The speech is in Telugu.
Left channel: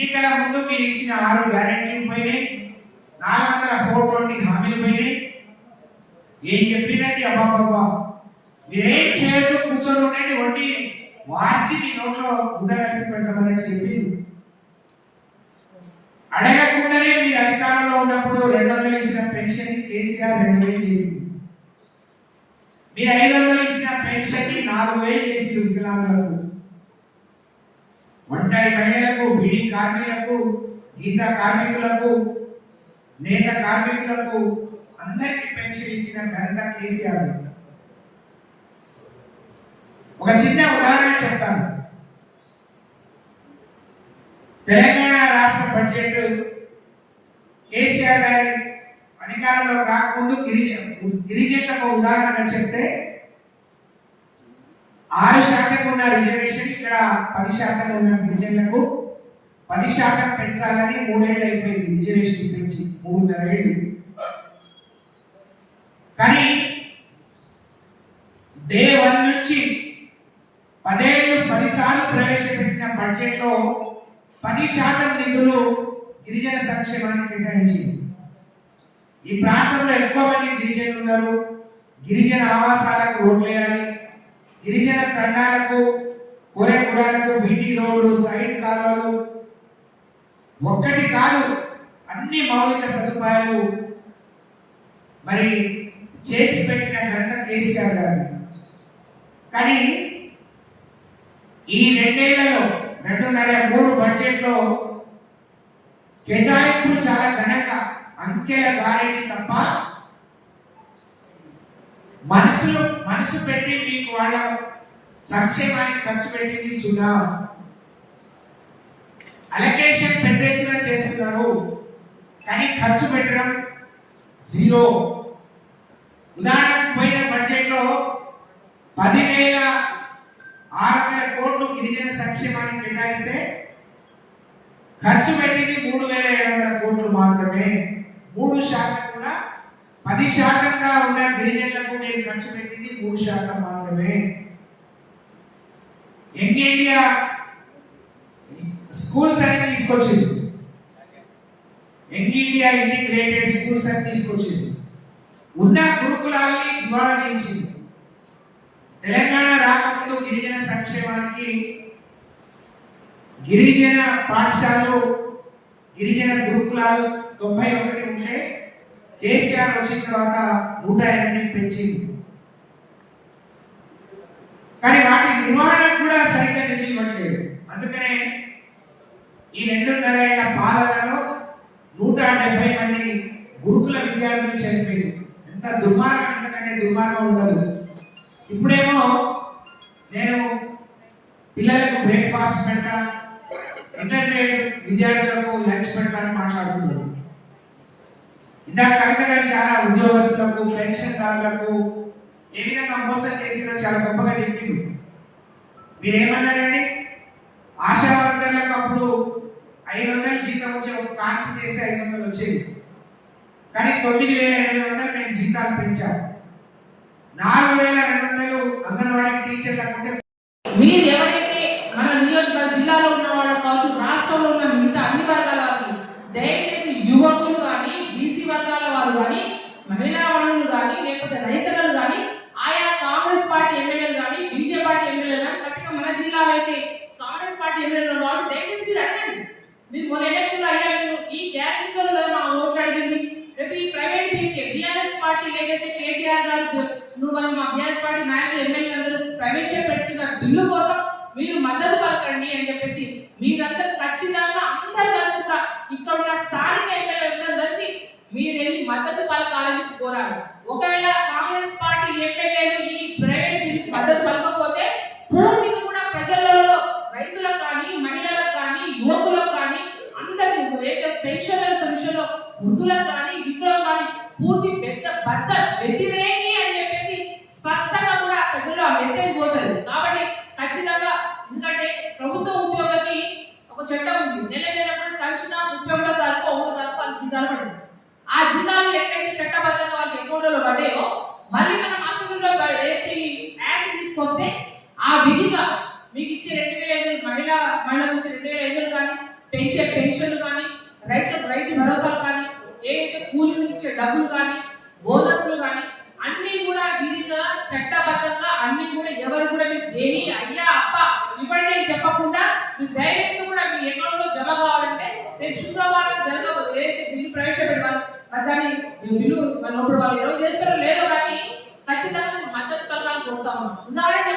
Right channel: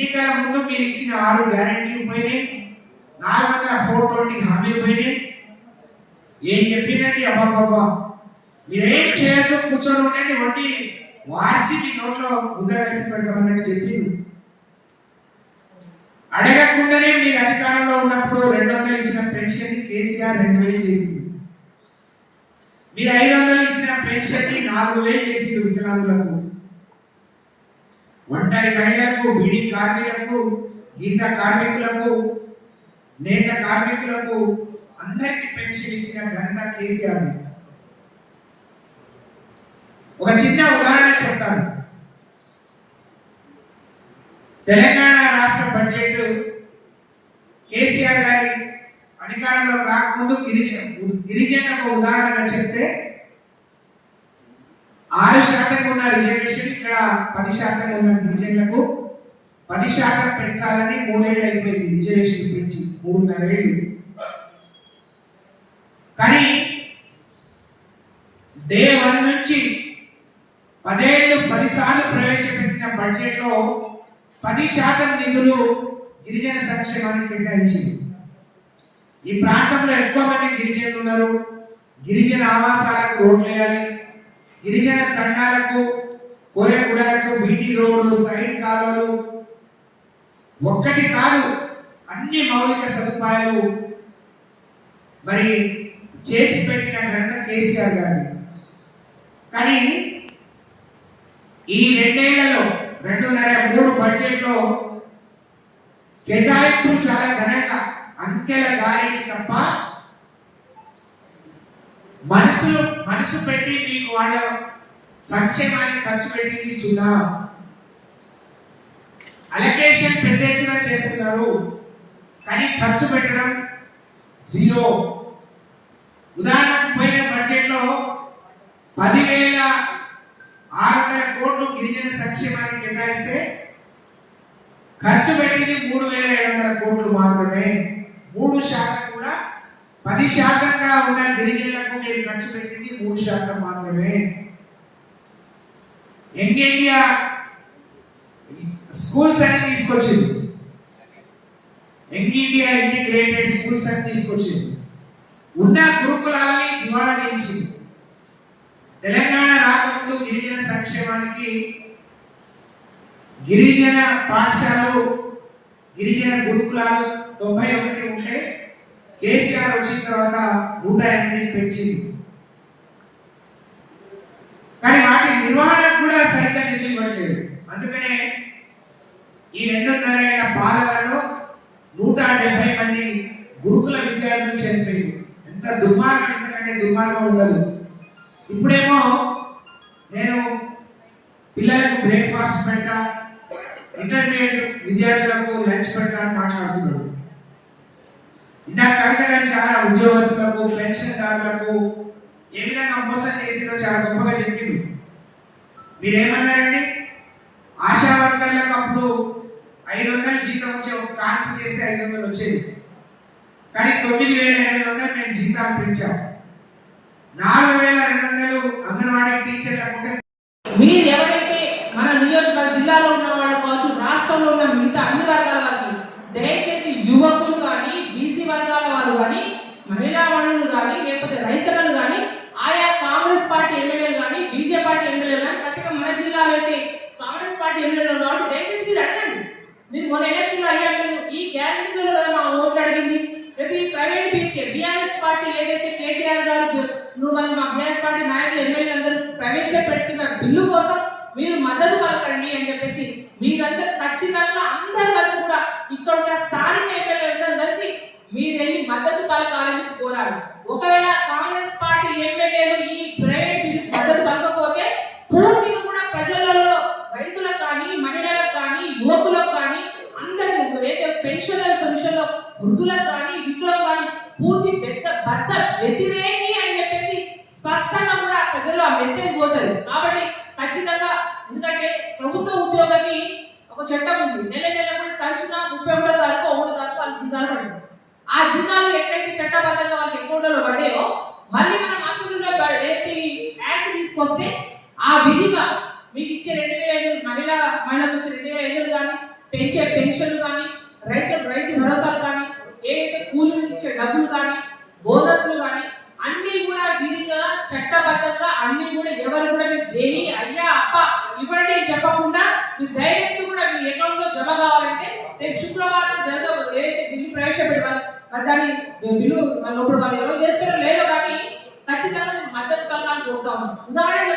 ఎన్నికల ముందు మీరు ఇచ్చిన 6 గ్యారెంటీలు పోయినాయి, 440 హామీలు పోయినాయి. ఏం చెప్పినట్టు అబ్బాబ్బా మీరేం చేయొద్దు, కూర్చొని ఉండండి, వండి వార్చి మీ నోట్లో ముద్ద కలిపి పెడతామని చెప్పింది. అడగకుండానే మీరు అధికారంలో ఉన్నప్పుడు 200 ఇచ్చిన పెన్షన్ కేసీఆర్ 2000 చేసింది. మీరు 500 ఇచ్చిన పెన్షన్ 4000 చేసింది. వికలాంగులకు, ఒంటరి మహిళలకు, బీడీ కార్మికులకు, గీత కార్మికులకు, నేత కార్మికులకు అందరికీ పెన్షన్ ఇచ్చిన ఘనత కేసీఆర్. ఒక చిన్న ఉదాహరణ చెప్తాను. తెలంగాణ రాష్ట్ర బడ్జెట్ కేసీఆర్ గారి అధికారంలో రాకముందు గిరిజనులకు ఉదాహరణగా చెప్తే 6% ఉన్న రిజర్వేషన్ ఇక్కడ 10% ఉన్న గిరిజనులకు 10% పెంచాలని 3 ఏళ్ళు అయిపోయింది. రిజర్వేషన్ పెంచి 3.5 ఏళ్ళు. కానీ డే 1 నుంచి 10 ఏళ్ళు 10 సార్లు ప్రవేశపెట్టిన బడ్జెట్ లో 10% నిధులు గిరిజన సంక్షేమానికి కేటాయించింది. ఈ ప్రాంతంలో ఎక్కువ మంది గిరిజనులు ఉన్నారు. గిరిజన ఆవాసాలకు రోడ్లు వేయాలి, గిరిజన తండాలకు, కోయగూడలకు బీటీ రోడ్లు, సైడ్ కాలువలు, ఒక్కటి కాదు అన్ని మౌలిక సదుపాయాలు మరి చేసి పెట్టిన ఘనత కేసీఆర్ గారు. కానీ ఈ 2 ఏళ్లలో 2.5-3 బడ్జెట్ లో కేటాయింపులు చాలా ఘనంగా అంకెల గాలిని తప్ప మనసు పెట్టి మీకు వాళ్ళ సంక్షేమానికి ఖర్చు పెట్టింది సున్నా. అలొకేషన్ పెద్ద ఎత్తున చేస్తున్నారు కానీ ఖర్చు పెట్టడం జీరో. ఉదాహరణకు పోయిన బడ్జెట్ లో 10,600 కోట్లు గిరిజన సంక్షేమానికి కేటాయిస్తే ఖర్చు పెట్టింది 3,700 కోట్లు మాత్రమే. 3% కూడా 10%గా ఉన్న గిరిజనులకు మీరు ఖర్చు పెట్టింది 3% మాత్రమే. యంగ్ ఇండియా స్కూల్స్ అని తీసుకొచ్చింది, యంగ్ ఇండియా ఇంటిగ్రేటెడ్ స్కూల్స్ అని తీసుకొచ్చింది. ఉన్న గురుకులాల్ని దివాళా తీయించింది. తెలంగాణ రాకముందు గిరిజన సంక్షేమానికి గిరిజన పాఠశాలలు, గిరిజన గురుకులాలు 91 ఉంటే కేసీఆర్ వచ్చిన తర్వాత 108 పెంచింది. కానీ వాటి నిర్వహణ కూడా సరిగ్గా నిధులు ఇవ్వట్లేదు. అందుకనే ఈ 2.5 ఏళ్ల పాలనలో 170 మంది గురుకుల విద్యార్థులు చనిపోయింది. ఎంత దుర్మార్గం, ఎంతకంటే దుర్మార్గం ఉండదు. ఇప్పుడేమో నేను పిల్లలకు బ్రేక్ఫాస్ట్ పెడతా, ఇంటర్మీడియట్ విద్యార్థులకు లంచ్ పెడతా అని మాట్లాడుతున్నాడు. ఇందాక కవిత గారు చాలా ఉద్యోగస్తులకు, పెన్షన్దారులకు ఏ విధంగా మోసం చేసిందో చాలా గొప్పగా చెప్పిండు. మీరేమన్నారండి? ఆశా వర్కర్లకు అప్పుడు 500 జీతం వచ్చే ఒక కార్డు చేస్తే 500 వచ్చేది. కానీ 9,800 మేము జీతాలు పెంచాం. 4,200 అంగన్వాడీ టీచర్లు. మీరు ఎవరైతే మన నియోజకవర్గ జిల్లాలో ఉన్న వాళ్ళు కావచ్చు, రాష్ట్రంలో ఉన్న మిగతా అన్ని వర్గాల వారికి దయచేసి యువకులు కానీ, బీసీ వర్గాల వారు కానీ, మహిళా మనులు కానీ, లేకపోతే రైతులను కానీ, ఆయా కాంగ్రెస్ పార్టీ ఎమ్మెల్యేలు కానీ, బీజేపీ పార్టీ ఎమ్మెల్యేలు కానీ, ప్రత్యేక మన జిల్లాలో అయితే కాంగ్రెస్ పార్టీ ఎమ్మెల్యేలు కాబట్టి దయచేసి మీరు అడగండి. మీరు మొన్న ఎలక్షన్లో అయ్యా మీరు ఈ గ్యారంటీతో కదా మా ఓట్లు అడిగింది. రేపు ఈ ప్రైవేట్ బీఆర్ఎస్ పార్టీ ఏదైతే కేటీఆర్ గారు నువ్వు మన మా బీఆర్ఎస్ పార్టీ నాయకులు ఎమ్మెల్యేలు అందరూ ప్రవేశపెడుతున్న బిల్లు కోసం మీరు మద్దతు పలకండి అని చెప్పేసి మీరందరూ ఖచ్చితంగా అందరూ కలిసి కూడా ఇక్కడ ఉన్న స్థానిక ఎమ్మెల్యేలందరూ కలిసి మీరు వెళ్ళి మద్దతు పలకాలని కోరాలి. ఒకవేళ కాంగ్రెస్ పార్టీ ఎమ్మెల్యేలు ఈ ప్రైవేట్ బిల్లుకు మద్దతు పలకపోతే పూర్తిగా కూడా ప్రజలలో రైతులకు కానీ, మహిళలకు కానీ, యువకులకు కానీ, అందరికీ ఏదైతే పెన్షనర్స్ విషయంలో వృద్ధులకు కానీ, వికలాంగులకు కానీ పూర్తి బద్ద వ్యతిరేకి అని చెప్పేసి స్పష్టంగా కూడా ప్రజల్లో ఆ మెసేజ్ పోతుంది. కాబట్టి ఖచ్చితంగా, ఎందుకంటే ప్రభుత్వ ఉద్యోగికి ఒక చట్టం ఉంది, నెల కూడా తలుచున్నా 31వ తారీఖు 1వ తారీఖు వాళ్ళకి జీతాలు పడుతుంది. ఆ జీతాలు ఎక్కడైతే చట్టబద్ధంగా వాళ్ళకి అకౌంట్లో పడ్డాయో మళ్ళీ మనం అసెంబ్లీలో ఏదైతే యాక్ట్ తీసుకొస్తే ఆ విధిగా మీకు ఇచ్చే 2,500 మహిళలకు ఇచ్చే 2,500 కానీ, పెంచే పెన్షన్లు కానీ రైతు భరోసాలు కానీ ఏదైతే కూలీలకు ఇచ్చే డబ్బులు కానీ బోనస్లు కానీ అన్ని కూడా విధిగా చట్టబద్ధంగా అన్ని కూడా ఎవరు కూడా మీరు దేని అయ్యా అప్ప ఇవ్వండి అని చెప్పకుండా మీరు డైరెక్ట్ కూడా మీ అకౌంట్ లో జమ కావాలంటే రేపు శుక్రవారం ఏదైతే బిల్లు ప్రవేశపెడతారు మరి దాని బిల్లు లోపల వాళ్ళు ఎవరు చేస్తారో లేదో కానీ ఖచ్చితంగా మేము మద్దతు పథకాలు కోరుతాము. ఉదాహరణ